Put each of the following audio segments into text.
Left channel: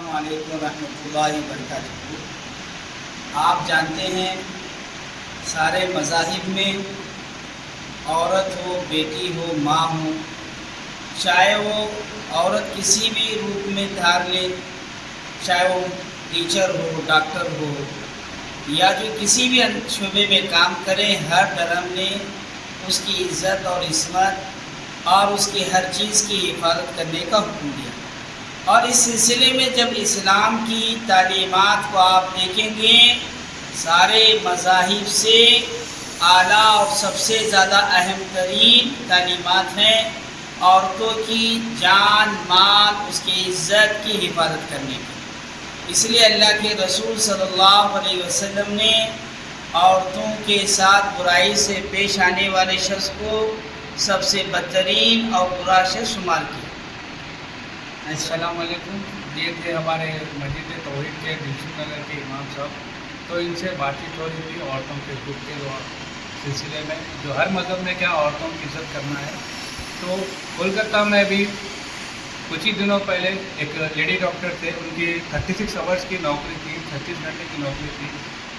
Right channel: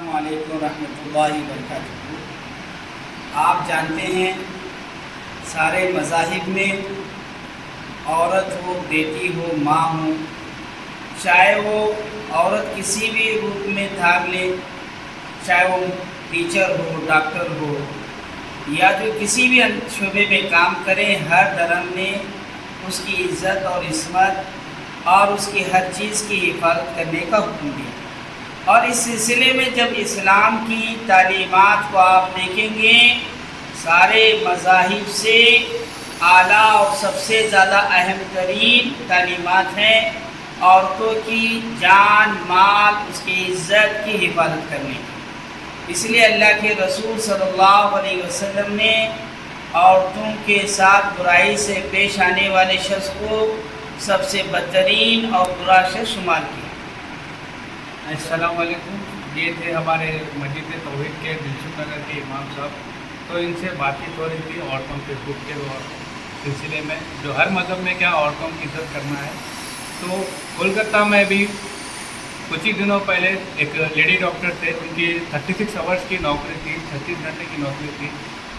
السلام علیکم ورحمۃ اللہ وبرکاتہ۔ آپ جانتے ہیں سارے مذاہب میں عورت ہو، بیٹی ہو، ماں ہو، چاہے وہ عورت کسی بھی روپ میں دھار لے، چاہے وہ ٹیچر ہو، ڈاکٹر ہو، یا جو کسی بھی شعبے میں کام کرے، ہر دھرم نے اس کی عزت اور عصمت اور اس کی ہر چیز کی حفاظت کرنے کا حکم دیا۔ اور اس سلسلے میں جب اسلام کی تعلیمات کو آپ دیکھیں گے، سارے مذاہب سے اعلیٰ اور سب سے زیادہ اہم ترین تعلیمات ہیں عورتوں کی جان، مال، اس کی عزت کی حفاظت کرنے کی۔ اس لیے اللہ کے رسول صلی اللہ علیہ وسلم نے عورتوں کے ساتھ برائی سے پیش آنے والے شخص کو سب سے بدترین اور برا شخص شمار کیا۔ السلام علیکم۔ یہ تھے ہمارے مسجد توحید کے دلسوخ نگر کے امام صاحب، تو ان سے بات چیت ہو رہی تھی عورتوں کے حقوق کے سلسلے میں، جو ہر مذہب میں کیا عورتوں کی عزت کرنا ہے۔ تو کولکتہ میں بھی کچھ ہی دنوں پہلے ایک لیڈی ڈاکٹر تھے، ان کی 36 آورس کی نوکری تھی، 36 گھنٹے کی نوکری تھی،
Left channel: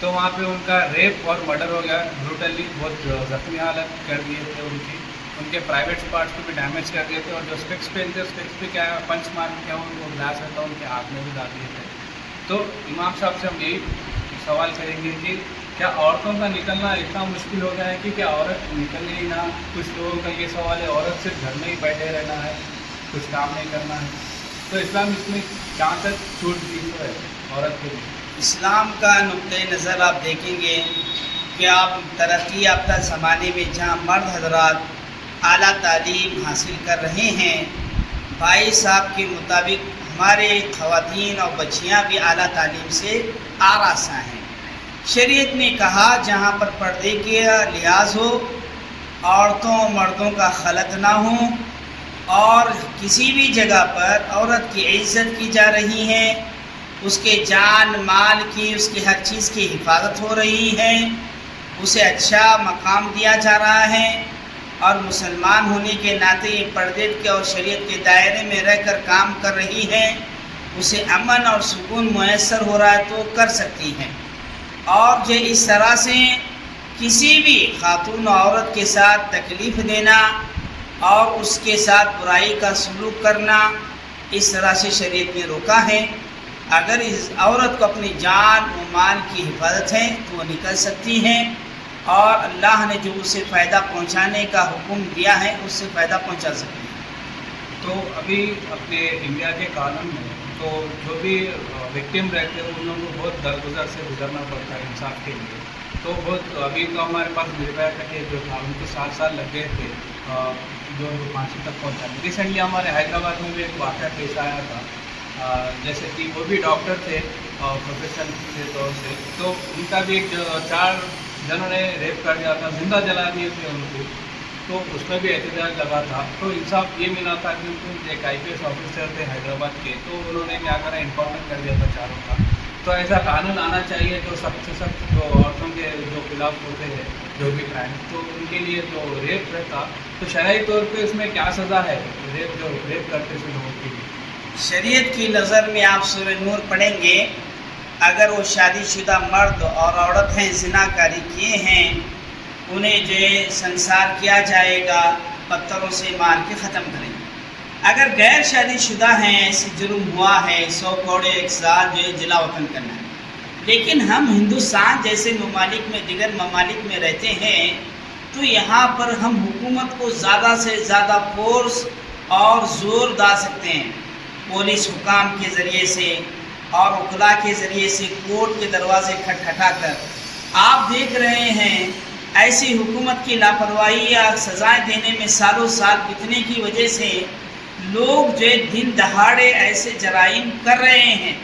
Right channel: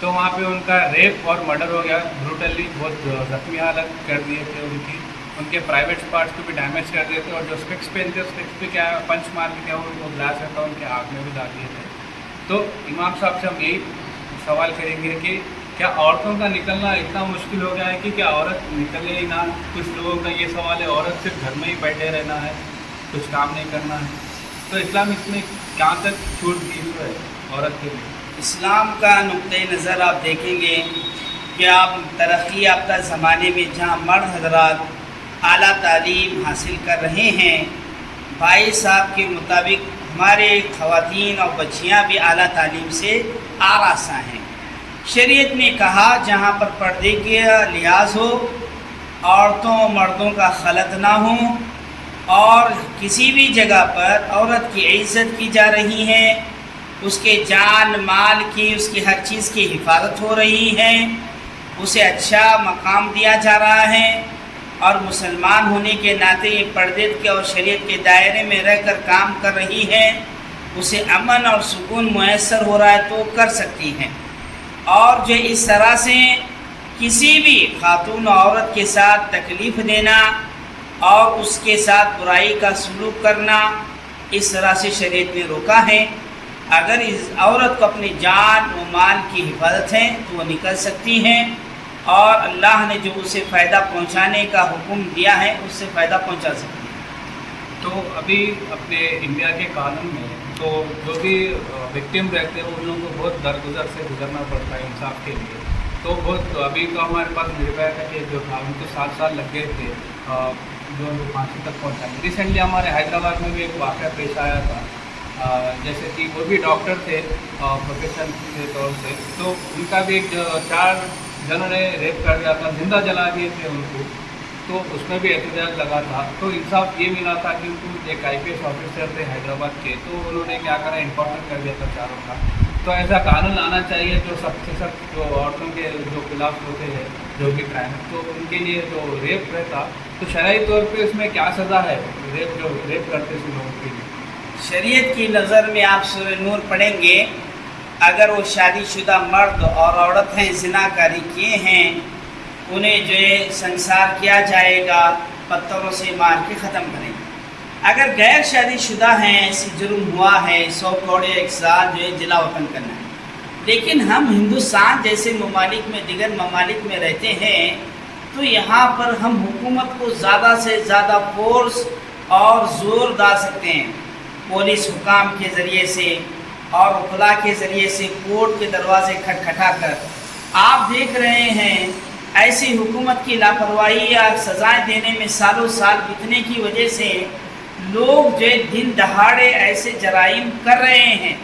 تو وہاں پہ ان کا ریپ اور مرڈر ہو گیا، بروٹلی بہت زخمی حالت کر دیے تھے ان کے پرائیویٹ پارٹس کو بھی ڈیمیج کر دیے تھے، اور جو اسپیکس پہنتے اسپیکس بھی کیا پنچ مار کے کیا ان کو گلاس رہتا ان کے آنکھ میں بھی ڈال دیے تھے۔ تو امام صاحب سے ہم یہی سوال کریں گے کہ کیا عورتوں کا نکلنا اتنا مشکل ہو گیا ہے کہ کیا عورت نکلے ہی نہ؟ کچھ لوگوں کا یہ سوال ہے عورت صرف گھر میں ہی بیٹھے رہنا ہے، کچھ کام نہیں کرنا ہے، تو اسلام اس میں کہاں تک چھوٹ دی ہے عورت کے لیے؟ اسلام کا نقطۂ نظر آپ دیکھیں گے کہ آپ ترقی یافتہ زمانے میں جہاں مرد حضرات اعلیٰ تعلیم حاصل کر رہے ہیں، بھائی صاحب کے مطابق ہمارے خواتین اور بچیاں بھی اعلیٰ تعلیم سے آراستہ ہیں۔ شریعت میں کہا جہاں پر پردے کا لحاظ ہو، عورتوں اور مردوں کا خلط نہ ہو، اور کسی بھی جگہ پر عورت کی عزت کی جا رہی ہے، اس کے جان مال کی، اس کی ہر چیز کی حفاظت ہو رہی ہے، اسے اچھا مقام دیا جا رہا ہے، اور مسلمان ہونے کے ناطے یہ پردے کے اور شریعت کے دائرے میں رہ کر کام کر رہی ہے، اسے امن اور سکون میسر ہو رہا ہے تو کر سکتی ہیں۔ اور جو اس طرح سے کسی بھی خاتون و عورت کے ساتھ تکلیف دینا اور اس کے ساتھ برائی کا سلوک کرنا، اس طرح سے شریعت نے روکا ہے۔ اگر اس عورت کو اپنی جان و مال کی حفاظت ہے تو وہ نکل سکتی ہیں، اور اللہ نے جو اسے فائدہ پہنچانے کا حکم دیا ہے اس سے فائدہ پہنچا سکتی ہے۔ تو ابھی اپنے انڈیا کے قانون میں تو جو بھی وکٹم رہتے ہیں ان لوگوں کو بہت درگزر سے گزرنا پڑتا ہے انصاف کے لیے، تو بہت ابھی تو ہمارے پاس نربھیا کا کیس جو تھا ان کو 7 سال لگ گئے تھے جو ان کو پھانسی تک پہنچانے۔ ریسنٹلی ہمارے حیدرآباد میں بھی ایک واقعہ پیش آیا تھا، جیسے کہ وہ بھی ڈاکٹر تھے پروفیشن کے طور سے، تو ان کا بھی 4 جنہوں نے ریپ کر دیا تھا، زندہ جلا دیے تھے ان کو، تو اس میں بھی احتجاج لگا تھا۔ تو انصاف یہ ملا تھا کہ ان کو ایک IPS آفیسر تھے حیدرآباد کے، تو انہوں نے کیا کرا انکاؤنٹر کر دیا تھا چاروں کا۔ تو ایسا قانون آنا چاہیے جو سخت سے سخت جو عورتوں کے جو خلاف ہوتے ہیں جو بھی کرائم، تو ان کے لیے جو ریپ رہتا تو شرعی طور پہ اس میں کیا سزا ہے ریپ کرتے تھے لوگوں کے لیے؟ شریعت کی نظر میں آپ سورہ نور پڑھیں گے، اگر وہ شادی شدہ مرد اور عورت ہیں، زنا کاری کیے ہیں، انہیں جو ہے سنسار کیا جائے گا، پتھروں سے مار کے ختم کریں گے۔ اگر غیر شادی شدہ ہیں، ایسی جرم ہوا ہے، 100 کوڑے 1 سال جو ہے جلا وطن کرنا ہے۔ لیکن ہم ہندوستان جیسے ممالک میں، دیگر ممالک میں رہتے ہیں، تو یہاں پر ہم حکومت کو زیادہ سے زیادہ فورس اور زور ڈال سکتے ہیں، پولیس حکام کے ذریعے سے اور وکلاء کے ذریعے سے، کورٹ کے دروازے کھٹکھٹا کر۔ آپ دیکھ رہے ہیں ایسی حکومت کی لاپرواہی یا سزائیں دینے میں سالوں سال بیتنے کی وجہ سے لوگ جو دن دہاڑے ایسے جرائم کر رہے ہیں۔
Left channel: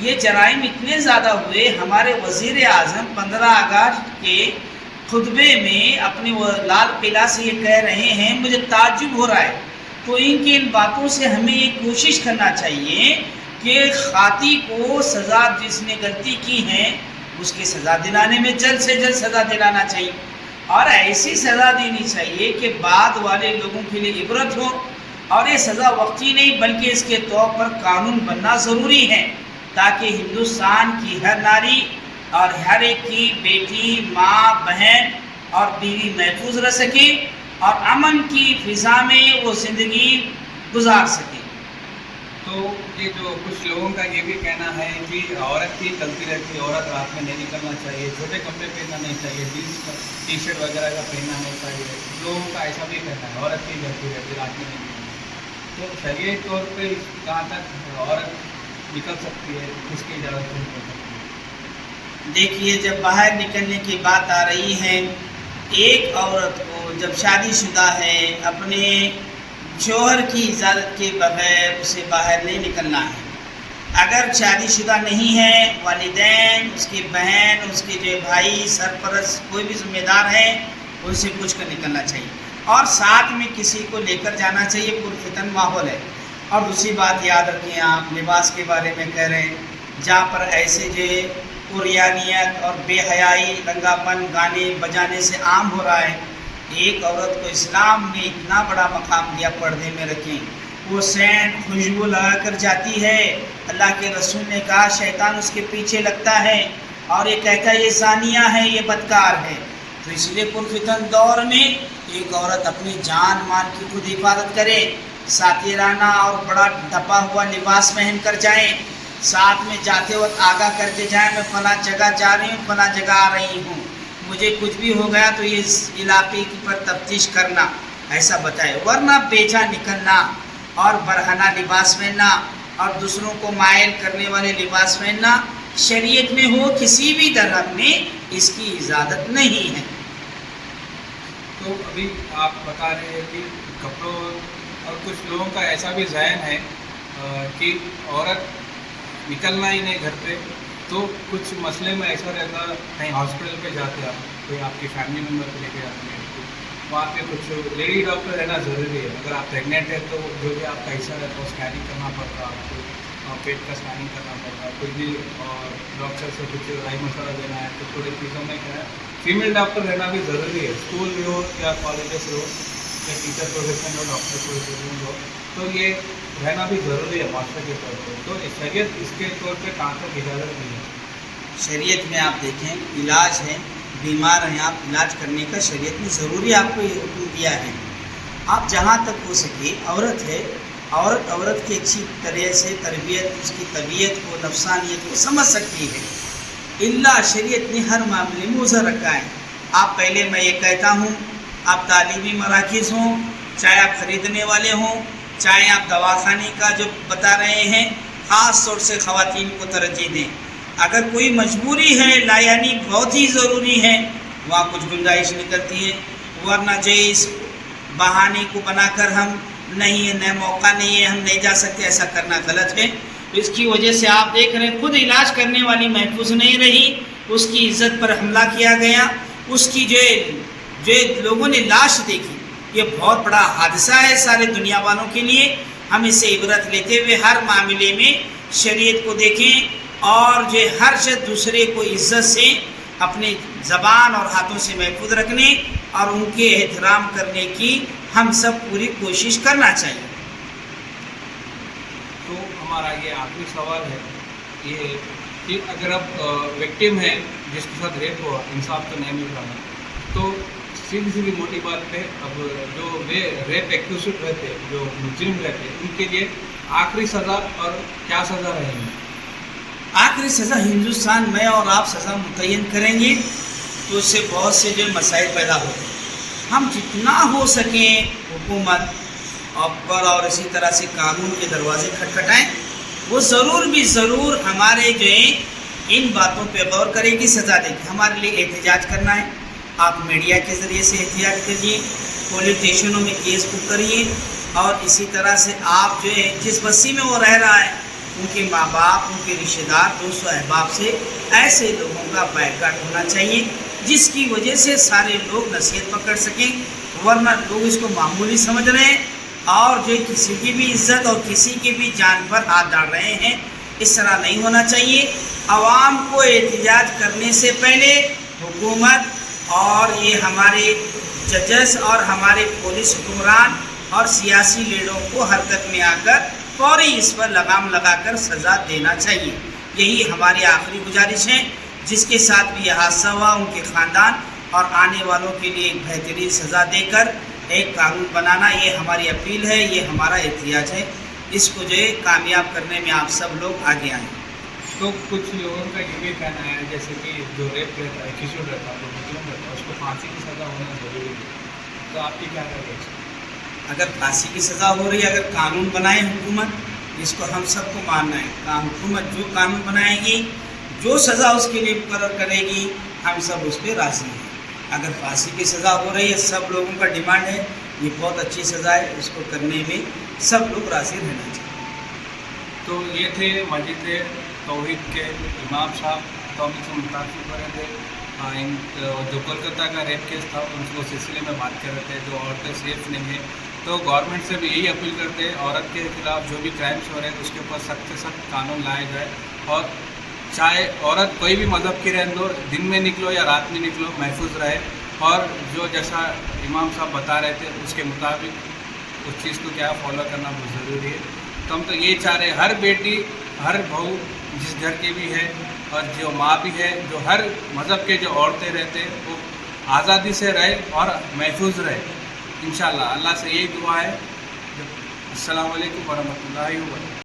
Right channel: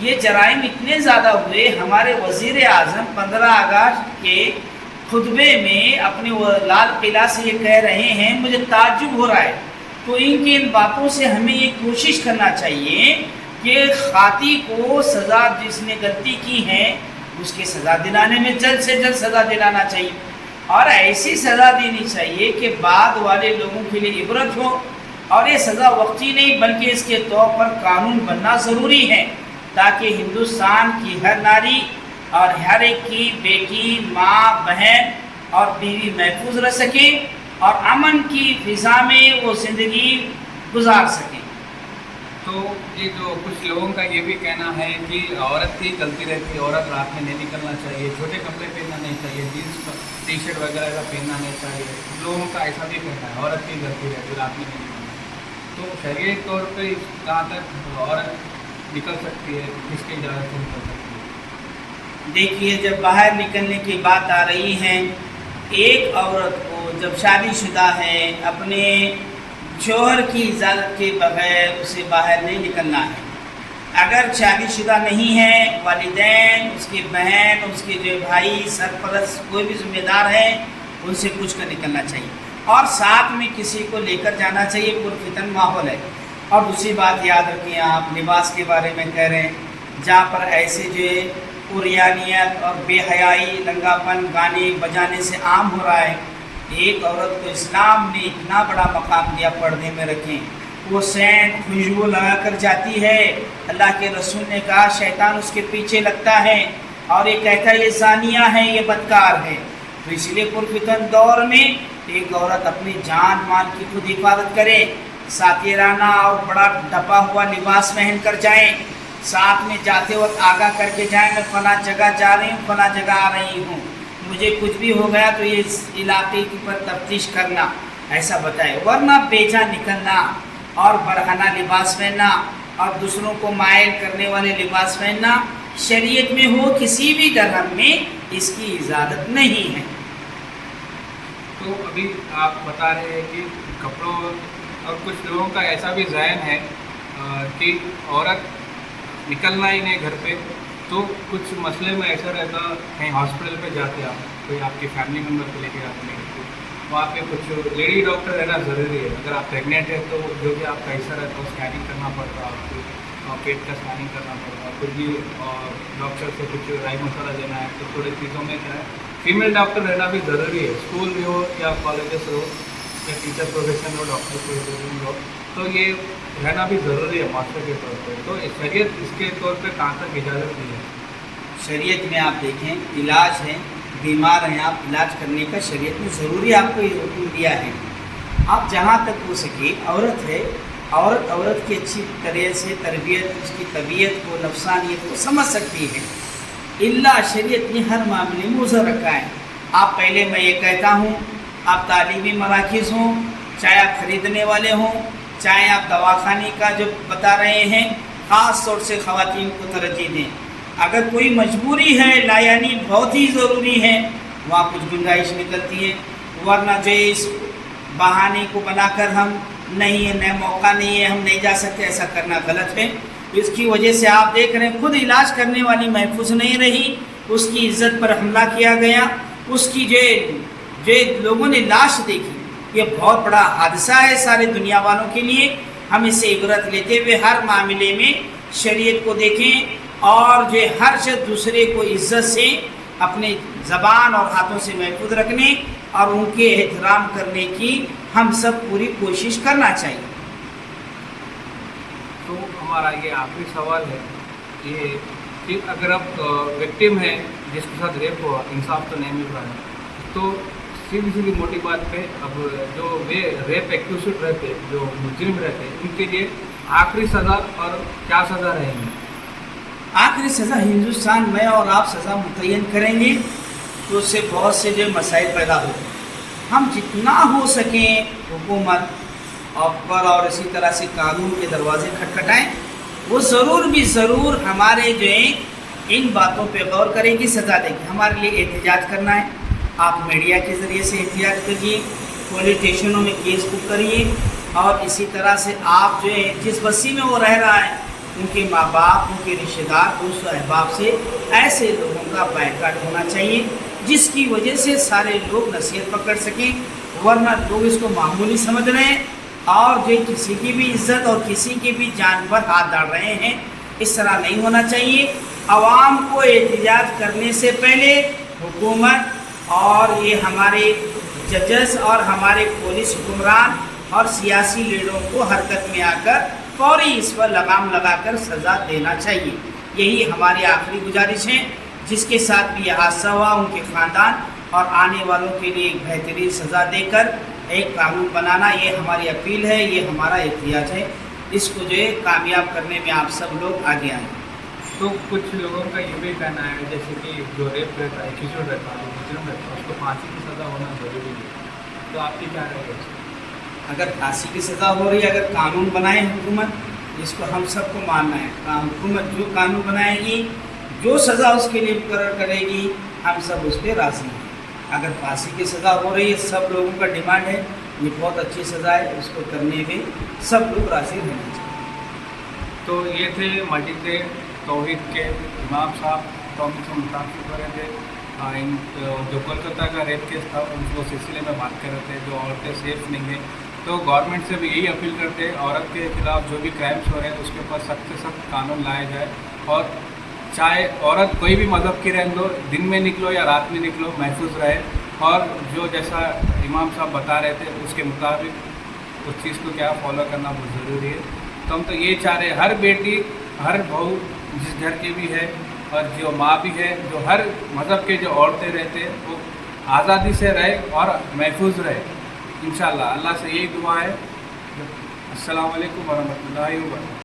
یہ جرائم اتنے زیادہ ہوئے، ہمارے وزیر اعظم 15 اگست کے خطبے میں اپنے لال قلعہ سے یہ کہہ رہے ہیں، مجھے تعجب ہو رہا ہے۔ تو ان باتوں سے ہمیں یہ کوشش کرنا چاہیے کہ خاطی کو سزا، جس نے غلطی کی ہے اس کی سزا دلانے میں جلد سے جلد سزا دلانا چاہیے، اور ایسی سزا دینی چاہیے کہ بعد والے لوگوں کے لیے عبرت ہو، اور یہ سزا وقتی نہیں بلکہ اس کے طور پر قانون بننا ضروری ہے، تاکہ ہندوستان کی ہر ناری اور ہر ایک کی بیٹی، ماں، بہن اور بیوی محفوظ رہ سکے اور امن کی فضا میں وہ زندگی گزار سکے۔ تو یہ جو کچھ لوگوں کا یہ بھی کہنا ہے کہ عورت کی غلطی رہتی ہے، عورت رات میں نہیں نکلنا چاہیے، چھوٹے کپڑے پہننا نہیں چاہیے، جینس ٹی شرٹ وغیرہ کا پہننا نہیں چاہیے، لوگوں کا ایسا بھی کہنا ہے عورت کی غلطی رہتی ہے رات میں نہیں نکلنا۔ تو شرعی طور پہ کہاں تک عورت نکل سکتی ہے، کس کی اجازت سے نکل سکتی ہے؟ دیکھیے، جب باہر نکلنے کی بات آ رہی ہے، ایک عورت کو جب شادی شدہ ہے اپنے شوہر کی اجازت کے بغیر اسے باہر نہیں نکلنا ہے۔ اگر شادی شدہ نہیں ہے، والدین، اس کی بہن، اس کے جو بھائی، سرپرست کوئی بھی ذمہ دار ہے، ان سے پوچھ کر نکلنا چاہیے اور ساتھ میں کسی کو لے کر جانا چاہیے، پرفتن ماحول ہے۔ اور دوسری بات یاد رکھیں، آپ لباس کے بارے میں کہہ رہے ہیں، جہاں پر ایسے جو عریانیت اور بے حیائی، لنگا پن گانے بجانے سے عام ہو رہا ہے، ایک عورت کو اسلام نے اتنا بڑا مقام دیا، پردے میں رکھیں، وہ سینٹ خوشبو لگا کر جاتی ہے، اللہ کے رسول نے کہا شیطان اس کے پیچھے لگتا ہے اور یہ کہتا ہے یہ زانیہ ہے، یہ بدکار ہے۔ تو اس لیے پرفتن دور میں ایک عورت اپنی جان مال کی خود حفاظت کرے، ساتیرانہ اور بڑا ڈھپا ہوا لباس پہن کر جائیں، ساتھ میں جاتے وقت آگاہ کر کے جائیں میں فلاں جگہ جا رہی ہوں، فلاں جگہ آ رہی ہوں، مجھے کچھ بھی ہو گیا تو اس علاقے کی پر تفتیش کرنا، ایسا بتائے۔ ورنہ بیجا نکلنا اور برہنہ لباس پہننا اور دوسروں کو مائل کرنے والے لباس پہننا شریعت میں ہو کسی بھی دھرم میں اس کی اجازت نہیں ہے۔ تو ابھی آپ بتا رہے ہیں کہ کپڑوں اور کچھ لوگوں کا ایسا بھی ذہن ہے کہ عورت نکلنا ہی نہیں گھر پہ، تو کچھ مسئلے میں ایسا رہتا، کہیں ہاسپٹل پہ جاتے آپ، کوئی آپ کے فیملی ممبر کو لے کے آتے ہیں، وہاں پہ کچھ لیڈی ڈاکٹر رہنا ضروری ہے۔ اگر آپ پریگنینٹ ہے تو جو بھی آپ کا حصہ رہتا ہے اسکیننگ کرنا پڑتا ہے آپ کو، پیٹ کا اسکیننگ کرنا پڑتا ہے، کچھ بھی ڈاکٹر سے کچھ رائی مشورہ دینا ہے، تو تھوڑی چیزوں میں کیا ہے فیمیل ڈاکٹر رہنا بھی ضروری ہے، اسکول بھی ہو یا کالجز ہو یا ٹیچر پروفیشن ہو، ڈاکٹر پروفیشن ہو، تو یہ رہنا بھی ضروری ہے معاشرے کے طور پہ۔ تو شریعت اس کے طور پہ کہاں تک اجازت دی ہے؟ شریعت میں آپ دیکھیں، علاج ہے، بیمار ہیں آپ، علاج کرنے کا شریعت نے ضروری آپ کو یہ حکم دیا ہے۔ آپ جہاں تک ہو سکے، عورت ہے، عورت کی اچھی طرح سے تربیت، اس کی طبیعت کو، نفسانیت کو سمجھ سکتی ہے، اللہ شریعت نے ہر معاملے میں عذر رکھا ہے۔ آپ پہلے میں یہ کہتا ہوں، آپ تعلیمی مراکز ہوں، چاہے آپ خریدنے والے ہوں، چاہے آپ دواخانے کا جو بتا رہے ہیں، خاص طور سے خواتین کو ترجیح دیں۔ اگر کوئی مجبوری ہے، لا یعنی بہت ہی ضروری ہے، وہاں کچھ گنجائش نکلتی ہے، ورنہ جو اس بہانے کو بنا کر ہم نہیں ہے، نئے موقع نہیں ہے، ہم نہیں جا سکتے، ایسا کرنا غلط ہے۔ اس کی وجہ سے آپ دیکھ رہے ہیں خود علاج کرنے والی محفوظ نہیں رہی، اس کی عزت پر حملہ کیا گیا، اس کی جو لوگوں نے لاش دیکھی، یہ بہت بڑا حادثہ ہے سارے دنیا والوں کے لیے۔ ہم اس سے عبرت لیتے ہوئے ہر معاملے میں شریعت کو دیکھیں اور جو ہر شخص دوسرے کو عزت سے اپنے زبان اور ہاتھوں سے محفوظ رکھنے اور ان کے احترام کرنے کی ہم سب پوری کوشش کرنا چاہیے۔ تو ہمارا یہ آخری سوال ہے یہ کہ اگر اب وکٹم ہے جس کے ساتھ ریپ ہوا، انصاف تو نہیں مل رہا ہے، تو سیدھی موٹی بات پہ اب جو ریپ ایکیوزڈ رہتے، جو مجرم رہتے، ان کے لیے آخری سزا اور کیا سزا رہے گی؟ آخری سزا ہندوستان میں اور آپ سزا متعین کریں گے تو اس سے بہت سے جو مسائل پیدا ہوتے ہیں۔ ہم جتنا ہو سکیں حکومت پر اور اسی طرح سے قانون کے دروازے کھٹکھٹائیں، وہ ضرور ہمارے جو ہیں ان باتوں پہ غور کرے گی، سزا دے گی۔ ہمارے لیے احتجاج کرنا ہے، آپ میڈیا کے ذریعے سے احتجاج کریے، پولیس اسٹیشنوں میں کیس بک کریے، اور اسی طرح سے آپ جو ہے جس بستی میں وہ رہ رہا ہے ان کے ماں باپ، ان کے رشتہ دار، دوست و احباب سے ایسے لوگوں کا بائیکاٹ ہونا چاہیے جس کی وجہ سے سارے لوگ نصیحت پکڑ سکیں، ورنہ لوگ اس کو معمولی سمجھ رہے ہیں اور جو کسی کی بھی عزت اور کسی کی بھی جان پر ہاتھ ڈال رہے ہیں۔ اس طرح نہیں ہونا چاہیے۔ عوام کو احتجاج کرنے سے پہلے حکومت اور یہ ہمارے ججز اور ہمارے پولیس حکمران اور سیاسی لیڈروں کو حرکت میں آ کر فوری اس پر لگام لگا کر سزا دینا چاہیے. یہی ہماری آخری گزارش ہے. جس کے ساتھ بھی یہ حادثہ ہوا ان کے خاندان اور آنے والوں کے لیے ایک بہترین سزا دے کر ایک قانون بنانا، یہ ہماری اپیل ہے، یہ ہمارا احتجاج ہے. اس کو جو ہے کامیاب کرنے میں آپ سب لوگ آگے آئیں. تو کچھ لوگوں کا یہ بھی کہنا ہے جیسے کہ جو ریپ رہتا ہے، کشور رہتا ہے، جو مجرم رہتا ہے، اس کو پھانسی کی سزا ہونا ضروری ہے. تو آپ کی کیا رائے ہے اس میں؟ اگر پھانسی کی سزا ہو رہی ہے، اگر قانون بنائے حکومت، جس کو ہم سب کو ماننا ہے، حکومت جو قانون بنائے گی، جو سزا اس کے لیے مقرر کرے گی، ہم سب اس پہ راضی ہیں. اگر پھانسی کی سزا ہو رہی ہے، سب لوگوں کا ڈیمانڈ ہے، یہ بہت اچھی سزا ہے، اس کو کرنے میں سب لوگ راضی رہنا چاہیے. تو یہ تھے مسجد توحید کے امام صاحب، تو ہم سے متاثر ہو رہے تھے. جو کولکتہ کا ریپ کیس تھا ان کو سلسلے میں بات کر رہے تھے، جو عورتیں سیف نہیں ہیں. تو گورنمنٹ سے بھی یہی اپیل کرتے ہیں، عورت کے خلاف جو بھی کرائمس ہو رہے ہیں اس کے اوپر سخت سے سخت قانون لایا جائے. اور چاہے عورت کوئی بھی مذہب کی رہنے دو، دن میں نکلو یا رات میں نکلو، محفوظ رہے. اور جو جیسا امام صاحب بتا رہے تھے اس کے مطابق اس چیز کو کیا فالو کرنا بہت ضروری ہے. تو ہم تو یہ چاہ رہے ہیں ہر بیٹی، ہر بہو جس گھر کی بھی ہے اور جو ماں بھی ہے، جو ہر مذہب کے جو عورتیں رہتے ہیں وہ آزادی سے رہے اور محفوظ رہے. انشاءاللہ اللہ سے یہی دعا ہے. السلام علیکم ورحمۃ اللہ وبرکاتہ.